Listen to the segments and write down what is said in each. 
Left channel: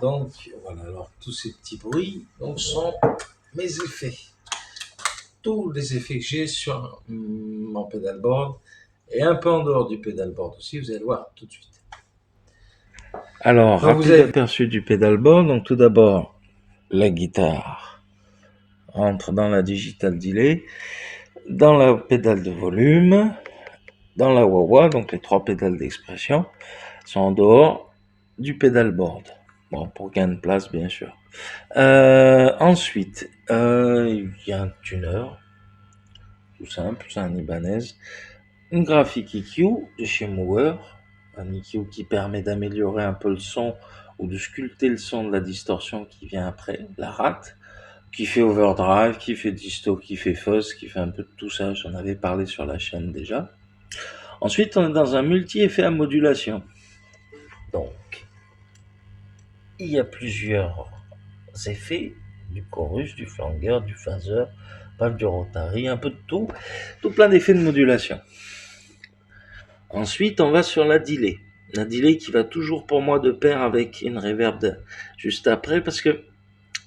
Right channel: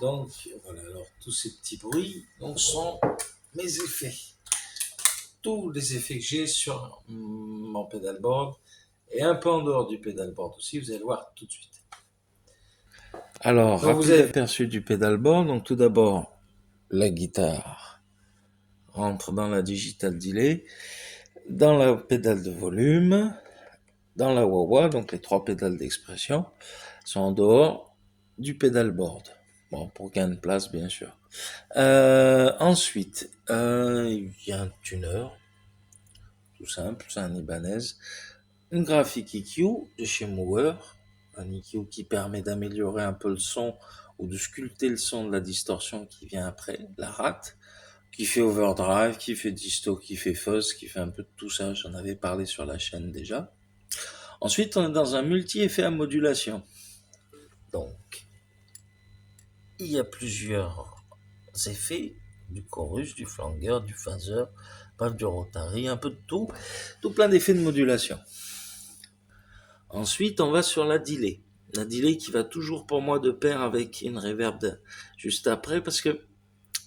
Donc voilà, alors tous ces petits bruits sont mes effets. Tous les effets que j'ai sur mon pedalboard et un peu en dehors du pedalboard aussi, vous allez voir tout de suite. Alors, rapide aperçu du pedalboard. Donc tout d'abord, la guitare rentre dans la digital delay, dans la pédale de volume, dans la wah-wah, donc les 3 pédales d'expression sont en dehors du pedalboard. Bon, pour gain de place, bien sûr. Ensuite, il y a un tuner, tout simple, c'est un Ibanez. Une graphique EQ de chez Mower, un EQ qui permet d'améliorer un peu le son ou de sculpter le son de la distorsion qui vient après, la rate, qui fait overdrive, qui fait disto, qui fait fuzz, qui fait un peu de tout ça, j'en avais parlé sur la chaîne déjà. Ensuite, on est dans un multi-effet à modulation. Donc, il y a plusieurs effets, du chorus, du flanger, du phaser, bref, du rotary, un peu de tout plein d'effets de modulation. Ensuite, on va sur la delay. La delay qui va toujours pour moi de pair avec une reverb juste après, parce que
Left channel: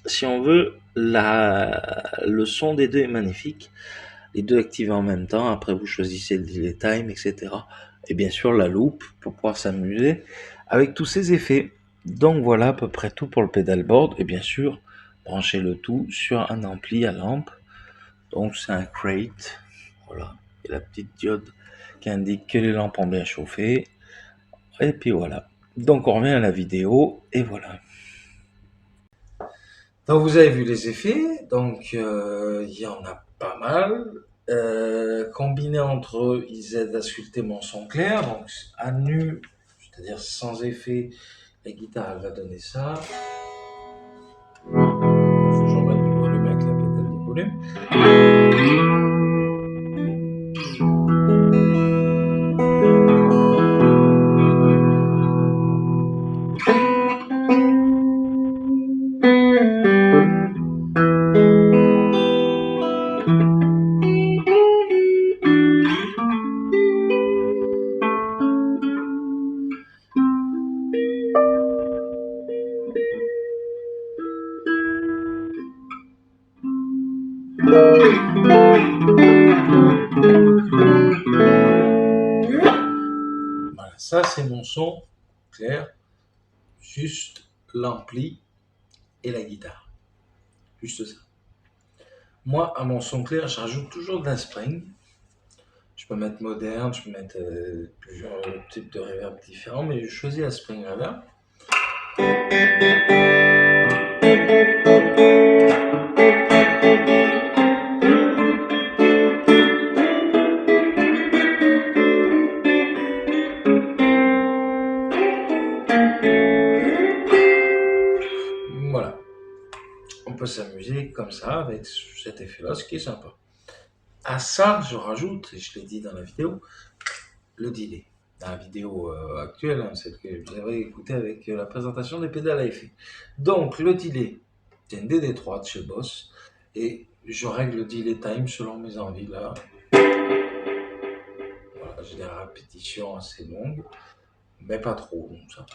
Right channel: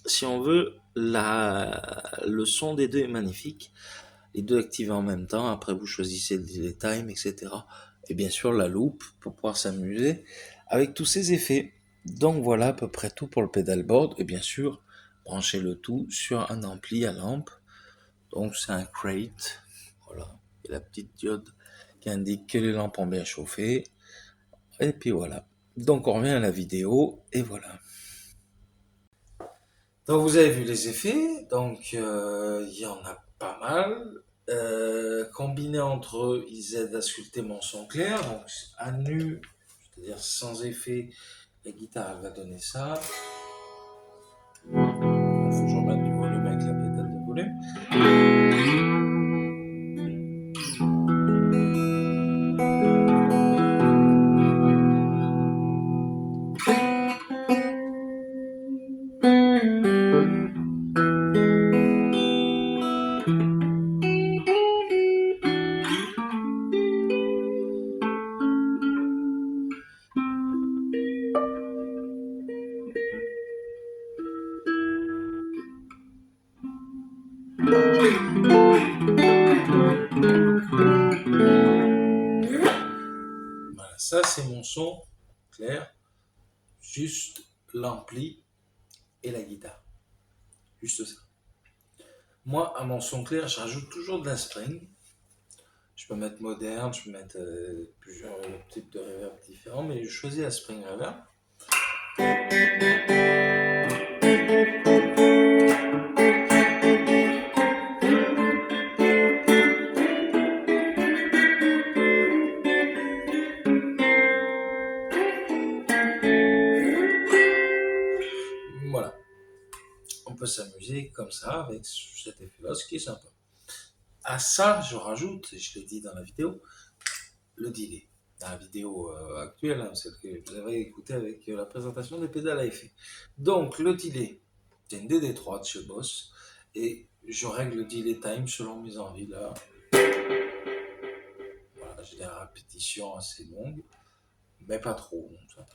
si on veut, le son des deux est magnifique. Les deux activés en même temps, après vous choisissez le delay time, etc. Et bien sûr la loop pour pouvoir s'amuser avec tous ces effets. Donc voilà à peu près tout pour le pedalboard. Et bien sûr, branchez le tout sur un ampli à lampe. Donc c'est un crate. Voilà. Et la petite diode qui indique que les lampes ont bien chauffé. Et puis voilà. Donc on revient à la vidéo et voilà. Donc vous avez vu les effets, donc il y en a pas mal. Combinés entre eux, ils aident à sculpter mon son clair. Donc à nu, c'est-à-dire sans effet, la guitare elle va donner ça. Il faut que je remette du volume avec la pédale de volume. Voilà, ça c'est mon son clair, juste l'ampli et la guitare, juste ça. Moi, à mon son clair, je rajoute toujours de la spring. Je peux mettre moderne, je peux mettre plusieurs types de reverb différents, mais je choisis la spring reverb. Voilà. On peut s'amuser comme ça avec cet effet-là, ce qui est sympa. À ça, je rajoute, et je l'ai dit dans la vidéo, le delay. Dans la vidéo actuelle, celle que vous avez écoutée avec la présentation des pédales à effet. Donc, le delay, c'est une DD3 de chez Boss, et je règle le delay time selon mes envies là. Voilà, j'ai des répétitions assez longues, mais pas trop, donc ça.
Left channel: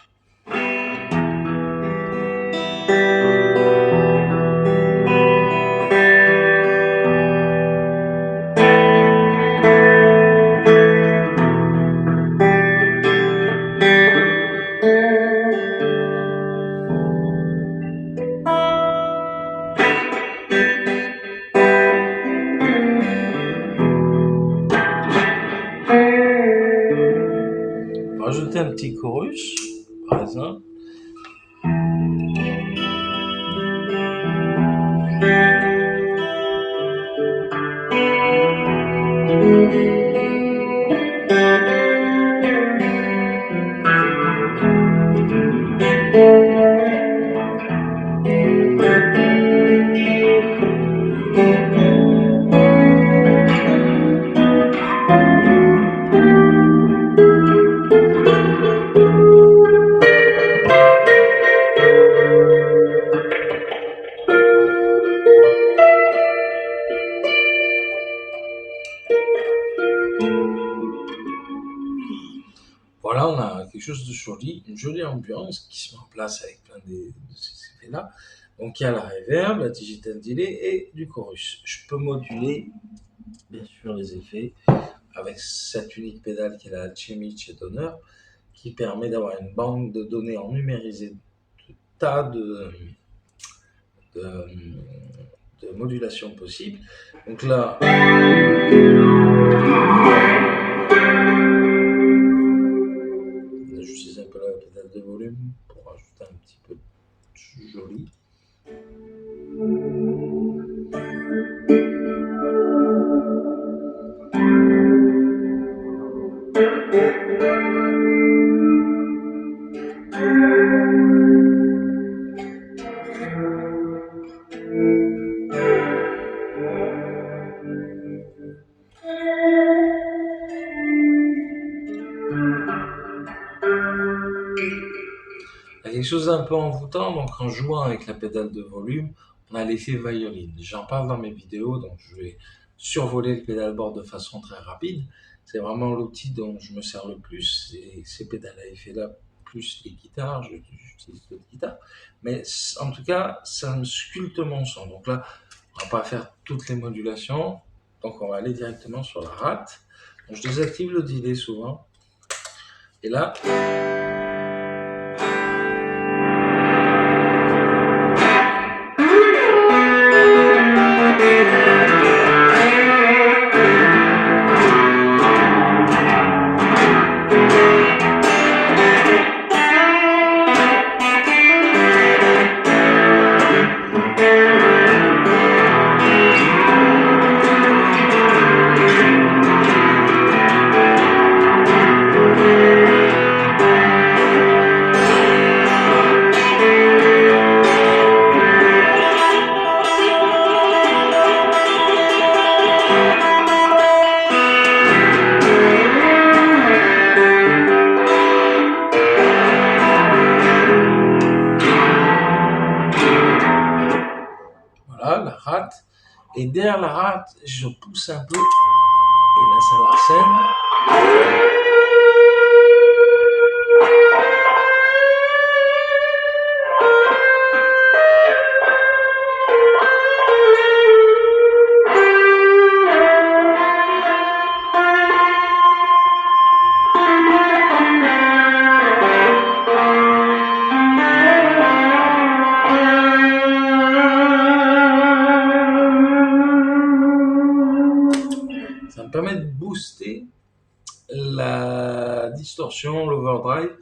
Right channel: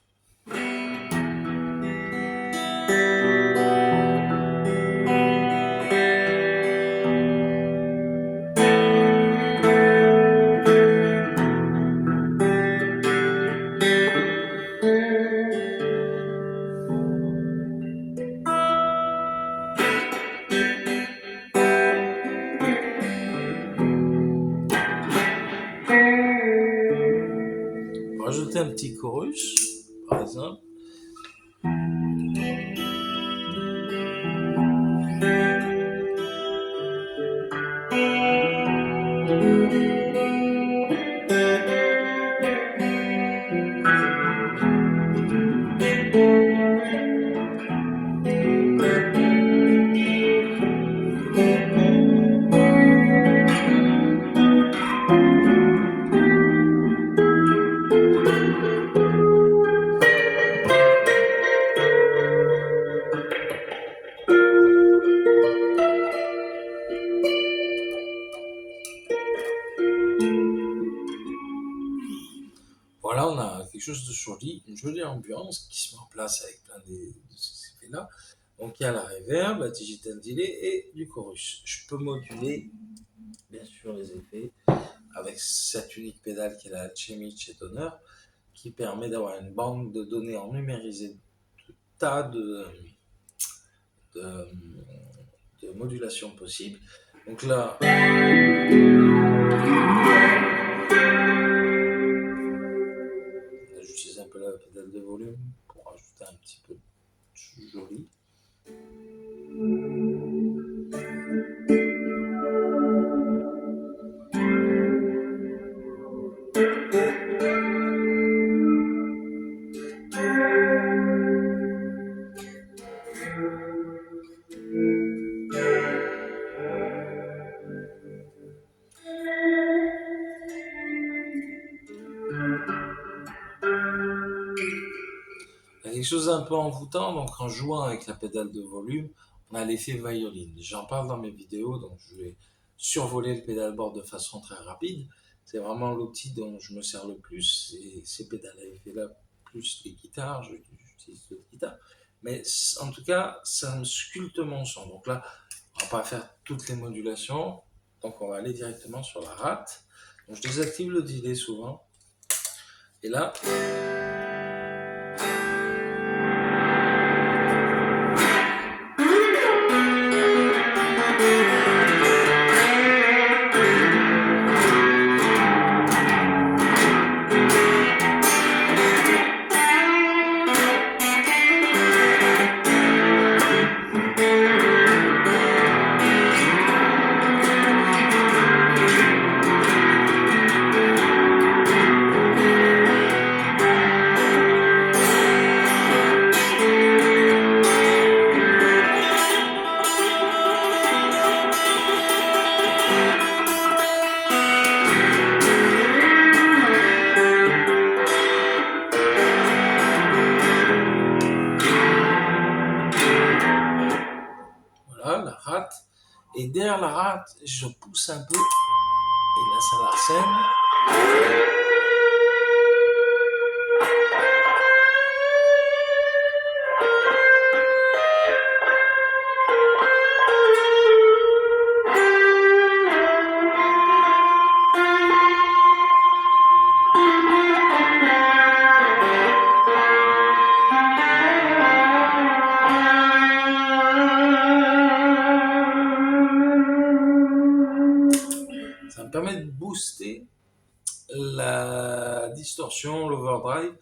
Rajouter un petit chorus, par exemple. chose de joli, une jolie ambiance qui se met en place avec plein de ces effets-là. Donc il y a la reverb, la digital delay et du chorus. Je peux moduler, bien sûr, les effets avec cette unique pédale qui est la Alchemy chez Donner, qui permet d'avoir une banque de données en numérisé de tas de, de modulations possibles. Donc là, j'utilise un peu la pédale de volume pour rajouter un petit peu de joli. Il y a quelque chose d'un peu envoûtant, donc en jouant avec la pédale de volume, on a l'effet violine. J'en parle dans mes vidéos, donc je vais survoler le pédalboard de façon très rapide. C'est vraiment l'outil dont je me sers le plus, ces pédales à effet-là, plus les guitares, j'utilise d'autres guitares. Mais en tout cas, ça me sculpte mon son. Donc là, on va pas faire toutes les modulations, donc on va aller directement sur la rate. Donc je désactive le delay souvent. Et là, la rate, et derrière la rate, je pousse un peu, et là ça l'arsène. Ça me permet de booster la distorsion, l'overdrive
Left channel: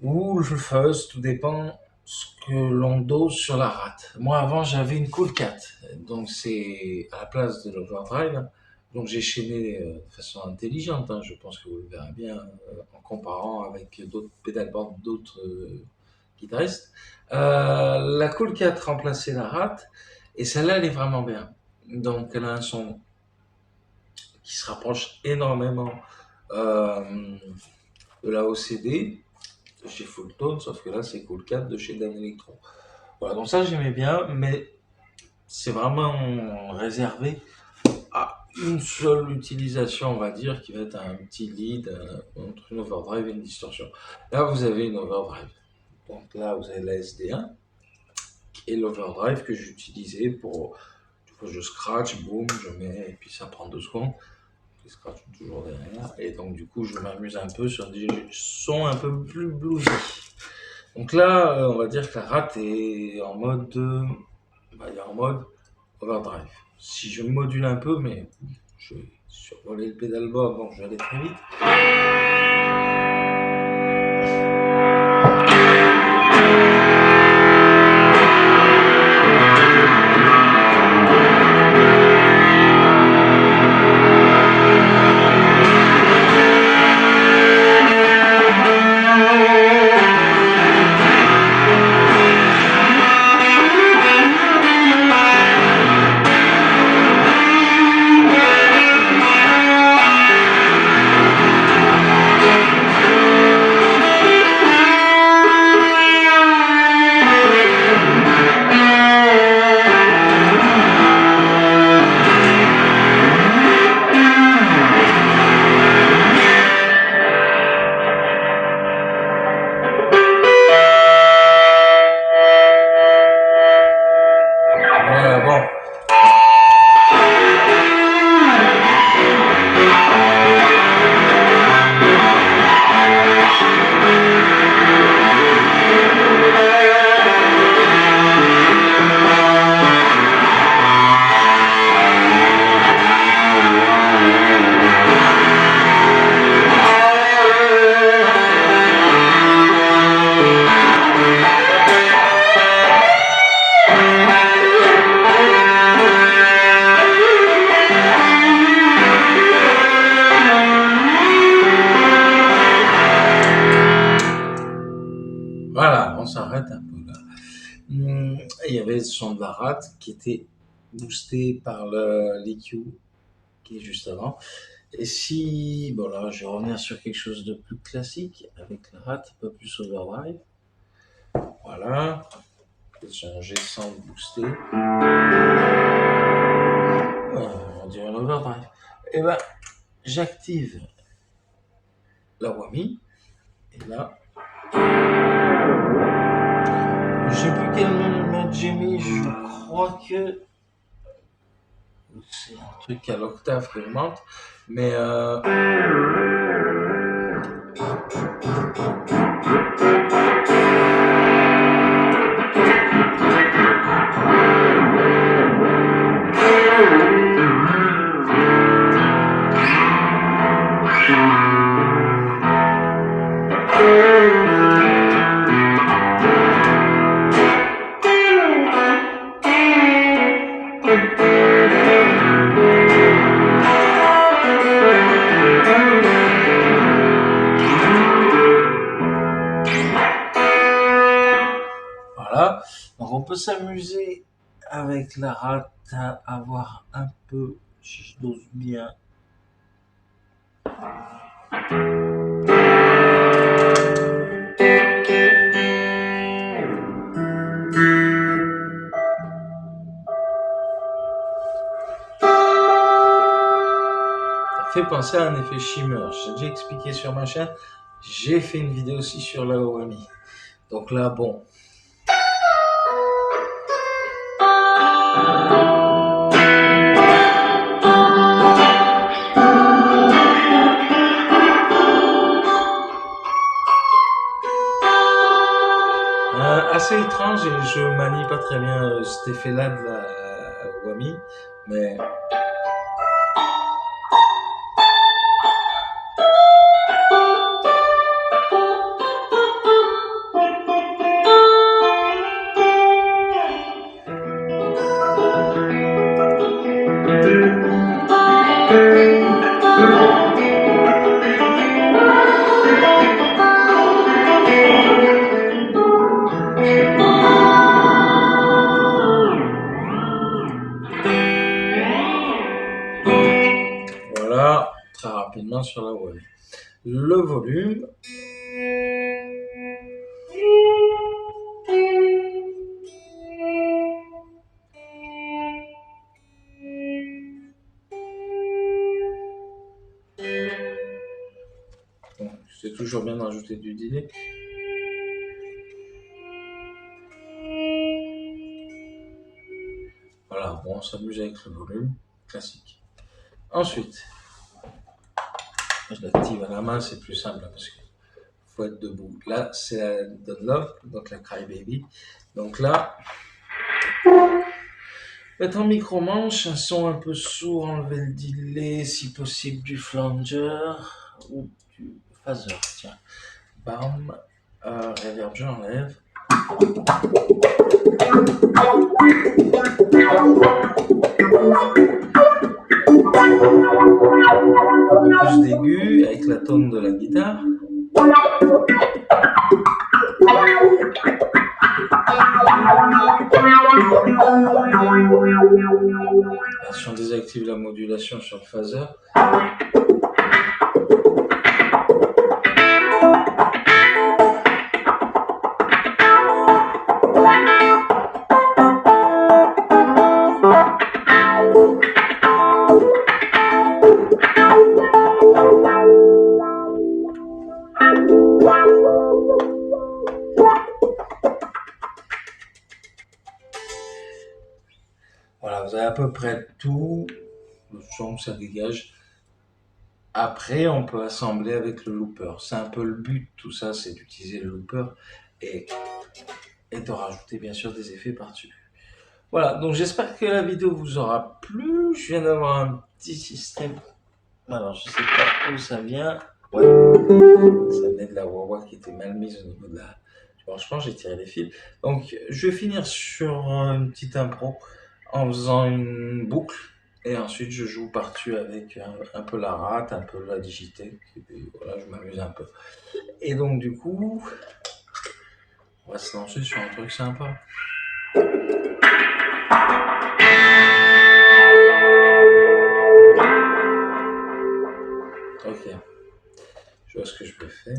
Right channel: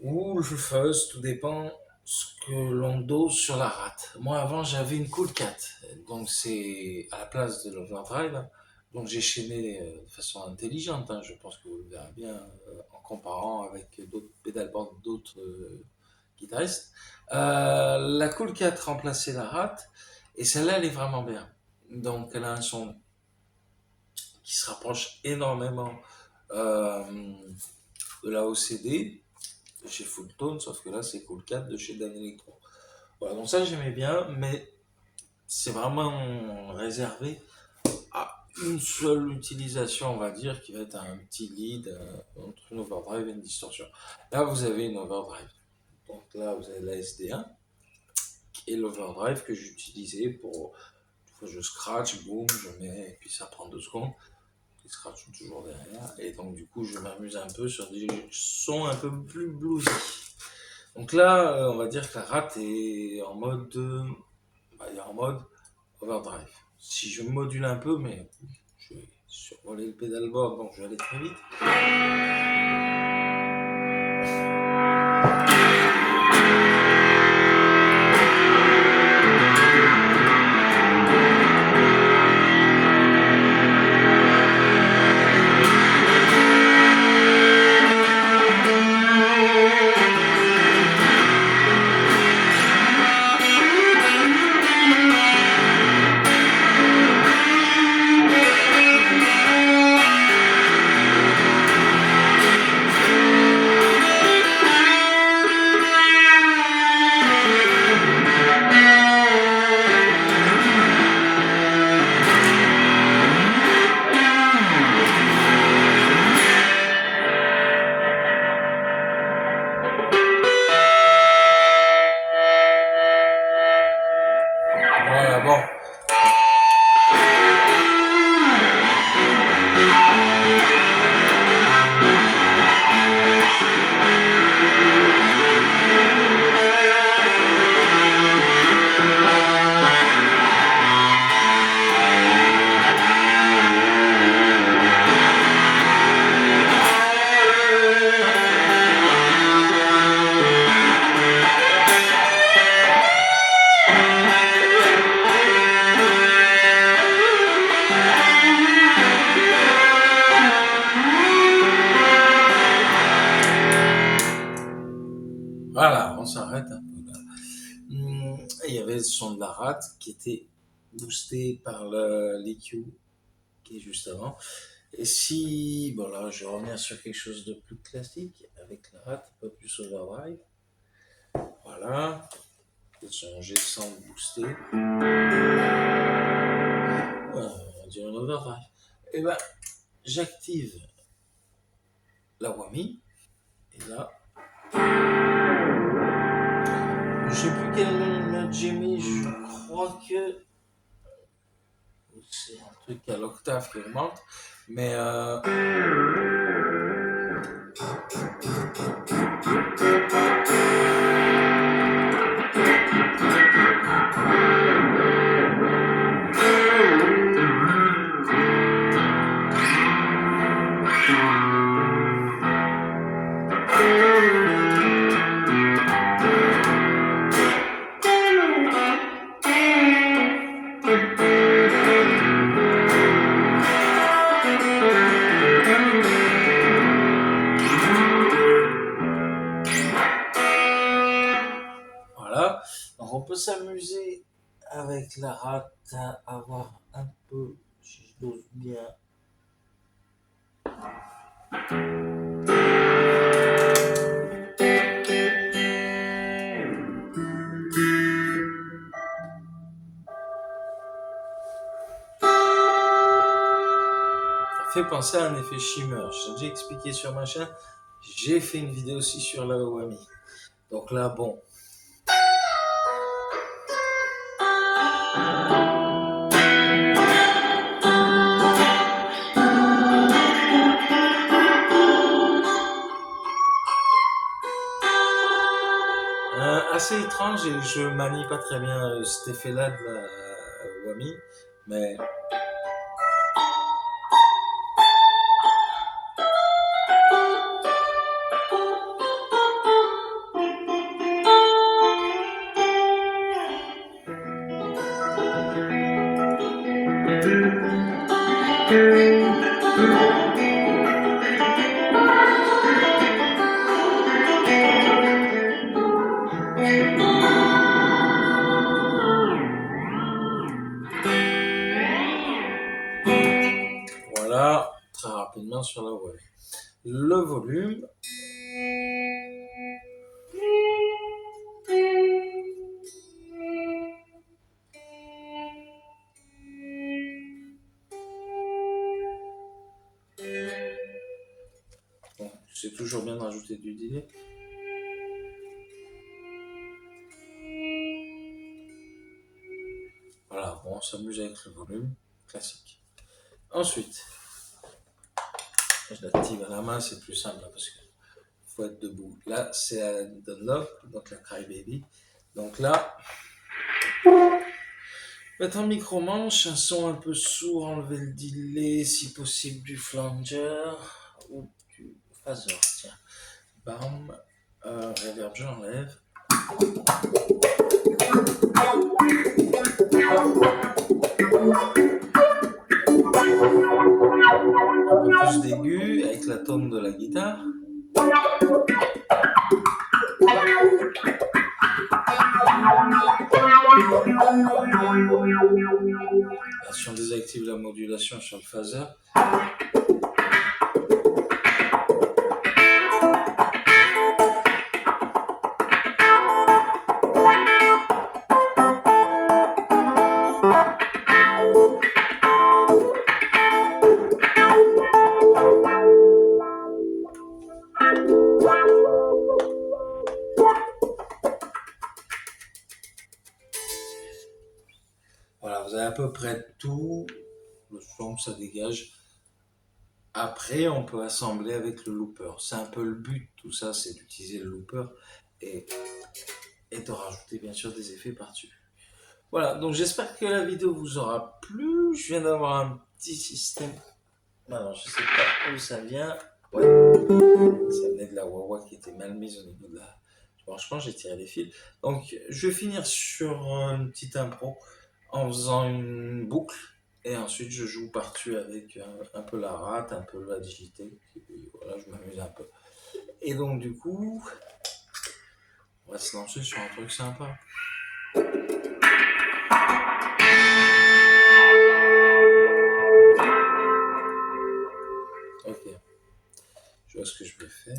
ou le fuzz, tout dépend ce que l'on dose sur la rate. Moi avant j'avais une Cool Cat, donc c'est à la place de l'overdrive, donc j'ai chaîné de façon intelligente, hein. Je pense que vous le verrez bien en comparant avec d'autres pédalboards d'autres guitaristes. La Cool Cat remplaçait la rate et celle-là elle est vraiment bien, donc elle a un son qui se rapproche énormément de la OCD de chez Fulltone, sauf que là c'est Cool Cat de chez Dan Electro. Voilà, donc ça j'aimais bien, mais c'est vraiment réservé à une seule utilisation, on va dire, qui va être un petit lead entre une overdrive et une distorsion. Là vous avez une overdrive, donc là vous avez la SD1 et l'overdrive que j'utilisais pour, je scratch, boum, je mets, et puis ça prend 2 secondes. Les scratchs sont toujours derrière, et donc du coup je m'amuse un peu sur des sons un peu plus bluesy. Donc là on va dire que la rate est en mode overdrive. Si je module un peu, mais je vais survoler le pédalboard, donc je vais aller très vite. Voilà, on s'arrête un peu là. Il y avait le son de la rate qui était boosté par l'EQ qui est juste avant. Et si, bon là, je vais revenir sur quelque chose de plus classique avec la rate un peu plus overdrive. Voilà, le son G100 boosté. Ouais, on dirait un overdrive. Et ben, j'active la Whammy. Et là, je sais plus quel note j'ai mis, je crois que c'est un truc à l'octave qui augmente, mais voilà. Donc on peut s'amuser avec la rate à avoir un peu, si je dose bien, ça fait penser à un effet shimmer. J'ai déjà expliqué sur ma chaîne. J'ai fait une vidéo aussi sur la Whammy. Donc là, bon. Assez étrange et je manie pas très bien cet effet-là de la Whammy, mais voilà, très rapidement sur la Whammy. Le volume. Bon, c'est toujours bien d'ajouter du delay. Voilà, bon, on s'amuse avec le volume, classique. Ensuite, je l'active à la main, c'est plus simple parce qu'il faut être debout. Là, c'est la Dunlop, donc la Crybaby. Donc là, mettre en micro-manche, un son un peu sourd, enlever le delay, si possible du flanger ou du phaser. Tiens, bam, reverb, je l'enlève. Un peu plus d'aigu avec la tone de la guitare. Si on désactive la modulation sur le phaser. Voilà, vous avez à peu près tout le son que ça dégage. Après, on peut assembler avec le looper. C'est un peu le but, tout ça, c'est d'utiliser le looper et de rajouter bien sûr des effets par-dessus. Voilà, donc j'espère que la vidéo vous aura plu. Je viens d'avoir un petit système. Alors, je sais pas où ça vient. Ouais, ça venait de la Wawa qui était mal mise au niveau de la. Franchement, j'ai tiré les fils. Donc, je vais finir sur une petite impro en faisant une boucle. Et ensuite, je joue par-dessus avec un peu la rate, un peu la digitech. Et puis, voilà, je m'amuse un peu. Et donc, du coup, On va se lancer sur un truc sympa. Ok. Je vois ce que je peux faire.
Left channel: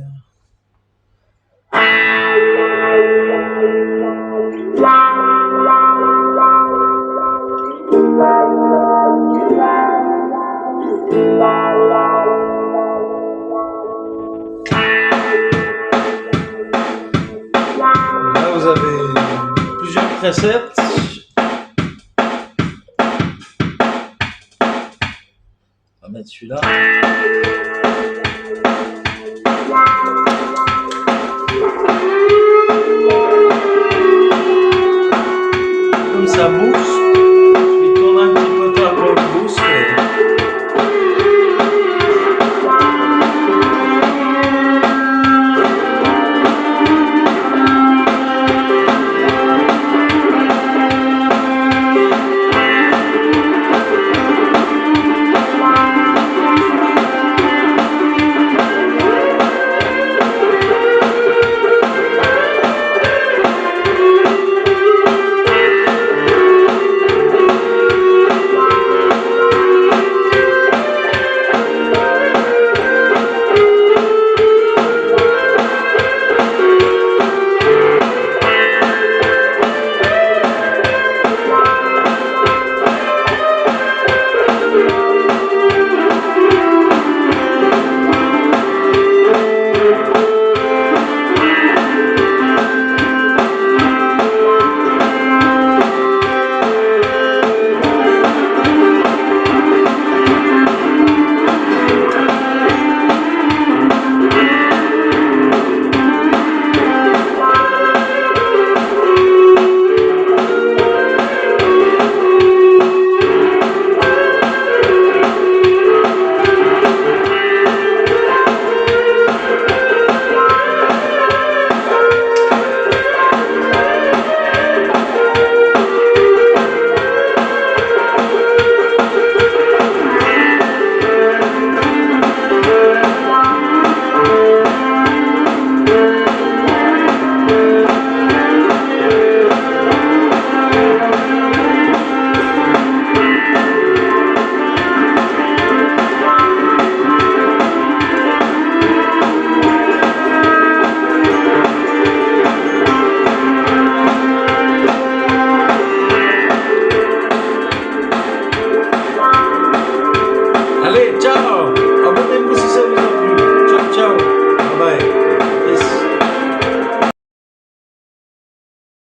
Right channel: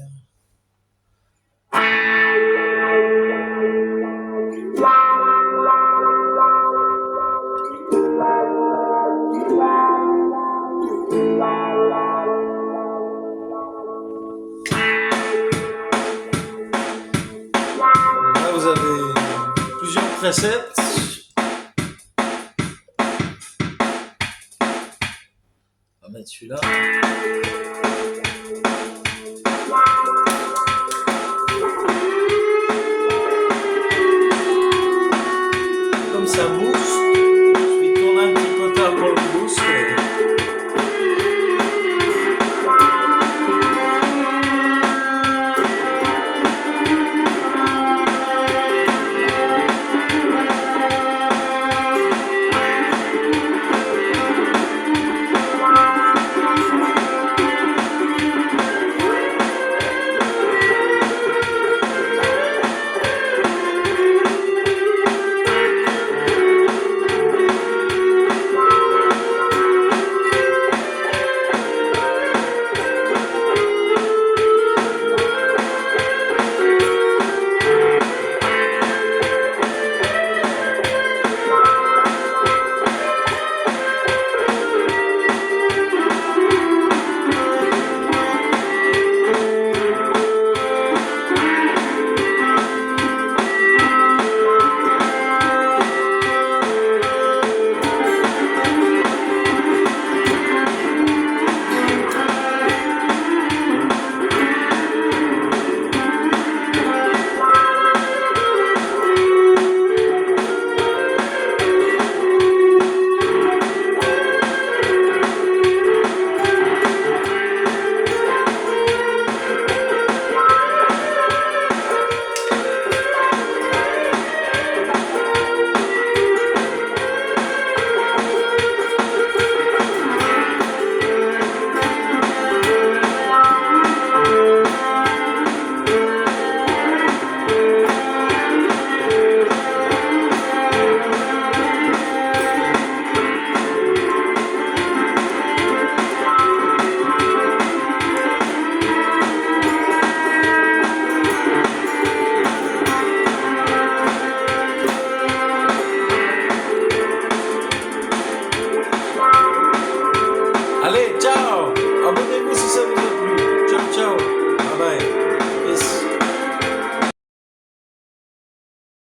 Là, vous avez plusieurs presets. On va mettre celui-là.